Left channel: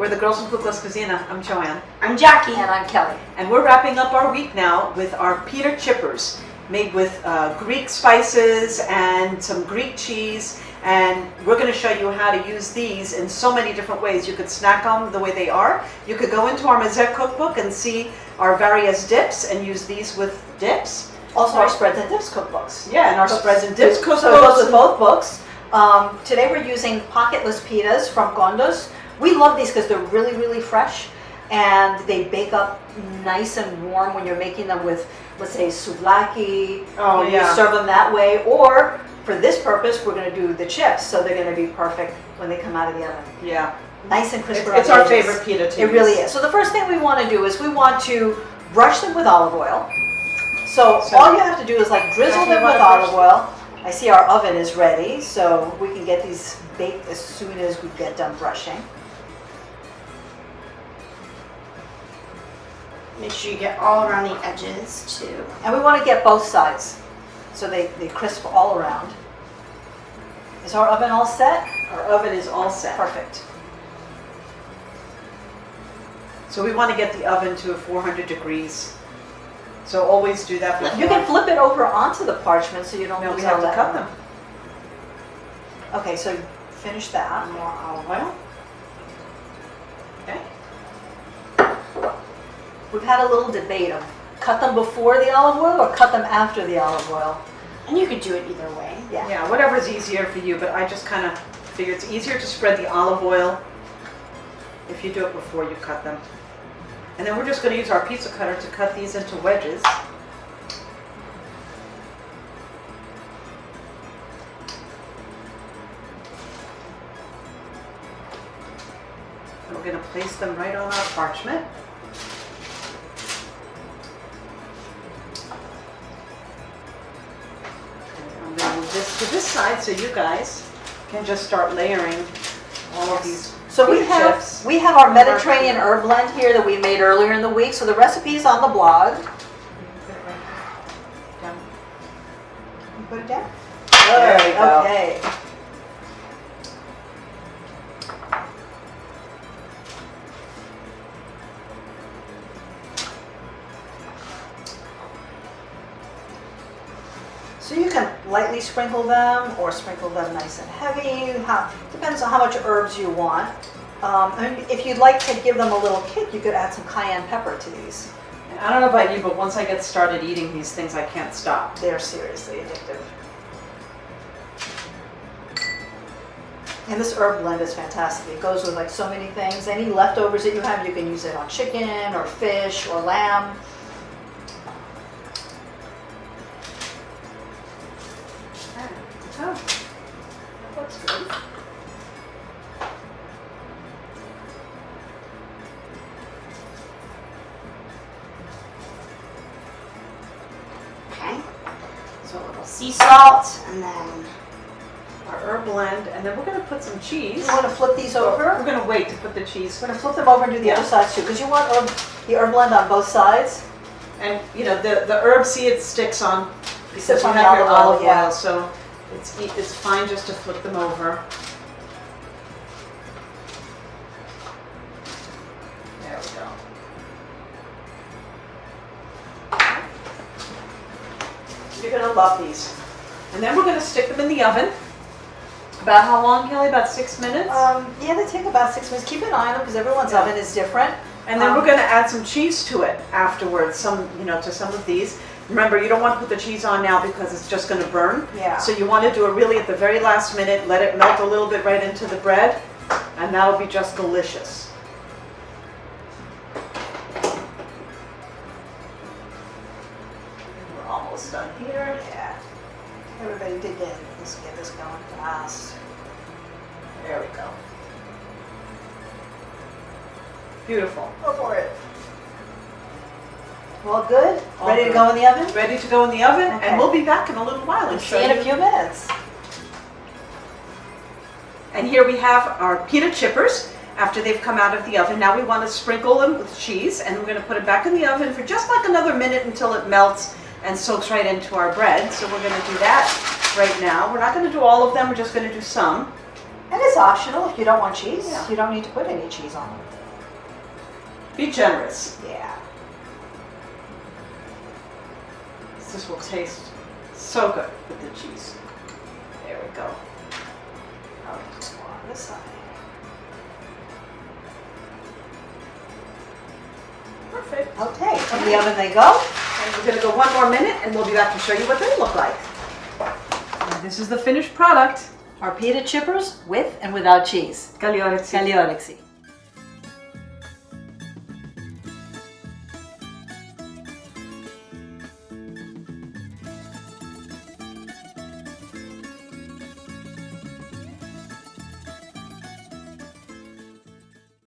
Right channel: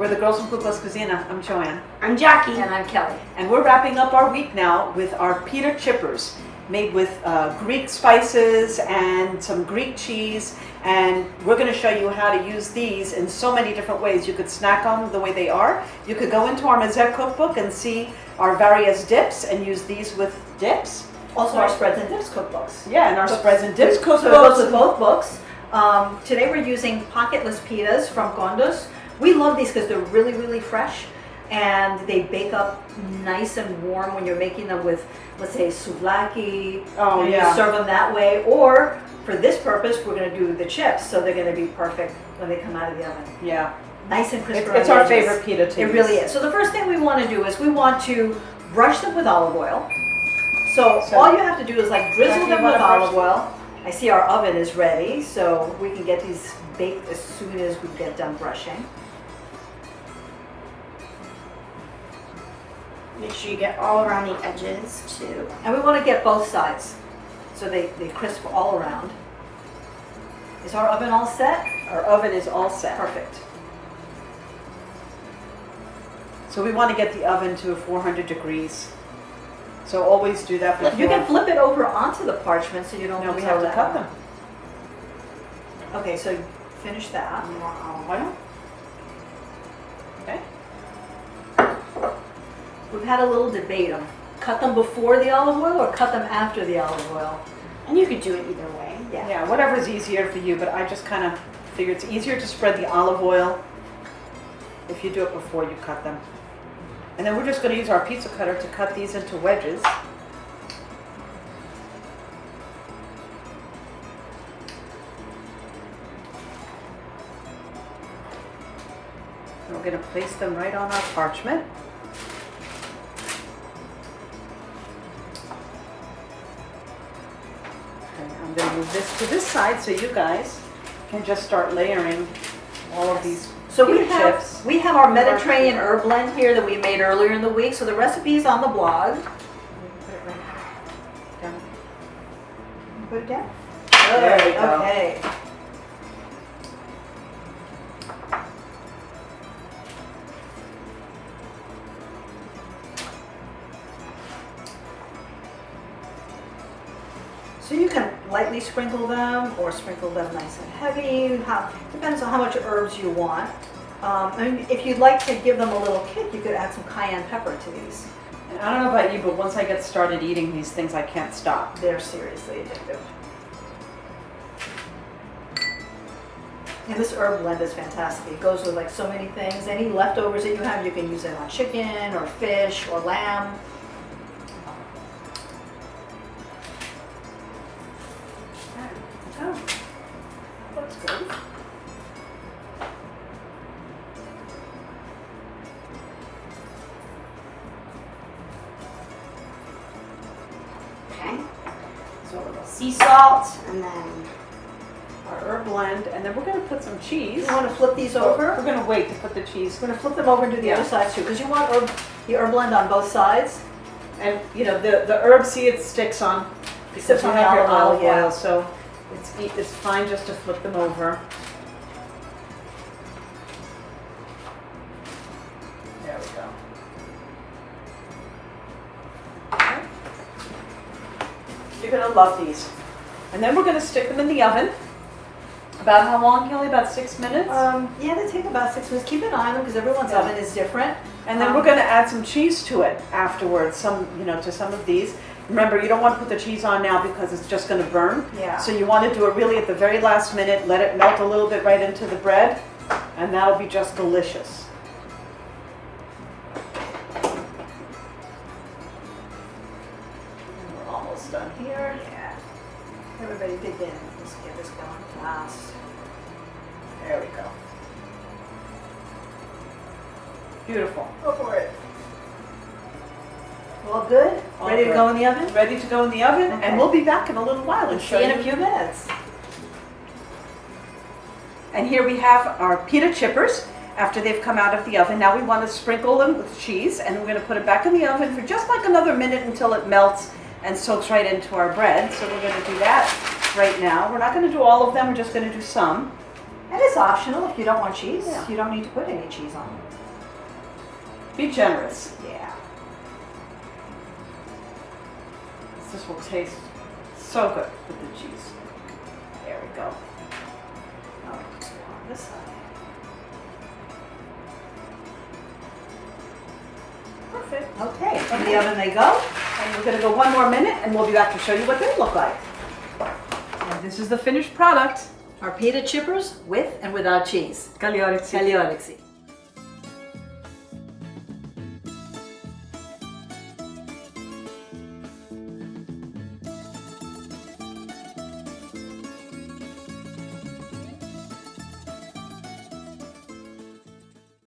We're the Girls from Cookbook Cuisine. I'm Joanne. I'm Jackie. And I'm Kelly. And we're wrapping up our week now with our pita chippers made with Greek spices and some Greek cheese. And we're going to show you how to use these in so many different ways. You could snack on them the way they are. You could go into our Medi cookbook and see our various dips and use these with dips. Also our spreads and dips cookbooks. Yeah, and our spreads and dips cookbooks. So it goes with both books. Today we're using pocketless pitas from Gondos. We love these because they're really, really fresh and they bake up nice and warm when you're making them with, let's say, souvlaki. Oh, yeah. You serve them that way. Or for this purpose, we're going to do the chips, so they're going to be perfect when they come out of the oven. Yeah. Nice and crispy. It's our favorite pita to use. It really is. So the first thing we want to do is we want to brush them with olive oil. So all you have to do is like drizzle them with olive oil. I see our oven is ready, so we can get these baked as soon as we get done brushing. Make sure you get all around the edges too. And we want to get both sides so they crisp all around. Is our oven all set? Our oven is all set. Perfect. So we want to get the oven to 400 degrees. So always do that before. You can flip it over onto the parchment so you don't lose we have all to that cut oil. them. Okay, so finish that. More olive oil. Okay. We've had a little debate on cut them before the olive oil or cut them after the olive oil. And you could do it either way. Yeah. Yeah, whatever's easier for you, but I just kind of figure it's easier to spread the olive oil if you do it before you cut them. And then we're just going to use our pizza cutter to cut these into wedges. And we're going to place them right on our parchment. Okay, I'm going to move this to this side so you guys can just start layering all of these. So we have our Mediterranean herb blend here that we made earlier in the week. So the recipe is on the blog. You put it right down. You put it down. There we go. Okay. So you can lightly sprinkle them or sprinkle them nice and heavy. Depends on how much herbs you want. And if you'd like to give them a little kick, you could add some cayenne pepper to these. And I don't know about you, but once I get started eating these things, I can't stop. They're seriously addictive. And this herb blend is fantastic. It goes with like so many things. Any leftovers that you have, you can use it on chicken or fish or lamb. Oh, that looks good. Okay. So a little sea salt and then Our herb blend, and then we're going to put some cheese. You want to flip these We're over? going to wait to put the cheese. We're going to flip them over and do the other sides too, because you want the herb blend on both sides. And you know the herb, see, it sticks on because Sticks you on have the your olive olive oil, oil, yeah. so it's fine just to flip them over. There we go. Okay. You're gonna love these, and then we're gonna stick them in the oven. About how long, Kelly? About 6 minutes. Yeah, they take about 6 minutes. Keep an eye on them because everyone's oven is different. And then we're going to add some cheese to it afterwards, to some of these. Remember, you don't want to put the cheese on now because it's just going to burn. Yeah. So you want to do it really at the very last minute, let it melt a little bit right into the bread, and that'll be just delicious. And we're almost done here. Yeah. Everybody dig in. Let's get this going fast. There we go. Beautiful. Go for it. All good? All Ready good. to go in the oven? Ready to go in the oven, Okay. and we'll be back in a little while and show See you in you. a few minutes. And here we have our pita chippers after they've come out of the oven. Now we want to sprinkle them with cheese, and we're going to put it back in the oven for just like another minute until it melts and soaks right into our bread. So we're going to do that right now. We're not going to do all of them, we're just going to do some. And it's optional if you don't want cheese. Yeah. You don't need to put any cheese on it. Be generous. Yeah. This will taste so good with the cheese. There we go. I'll just go on this side. Perfect. Okay, in the oven they go. And we're gonna go 1 more minute and we'll be back to show you what they look like. And this is the finished product. Our pita chippers with and without cheese. Cagliorezzi. Cagliorezzi.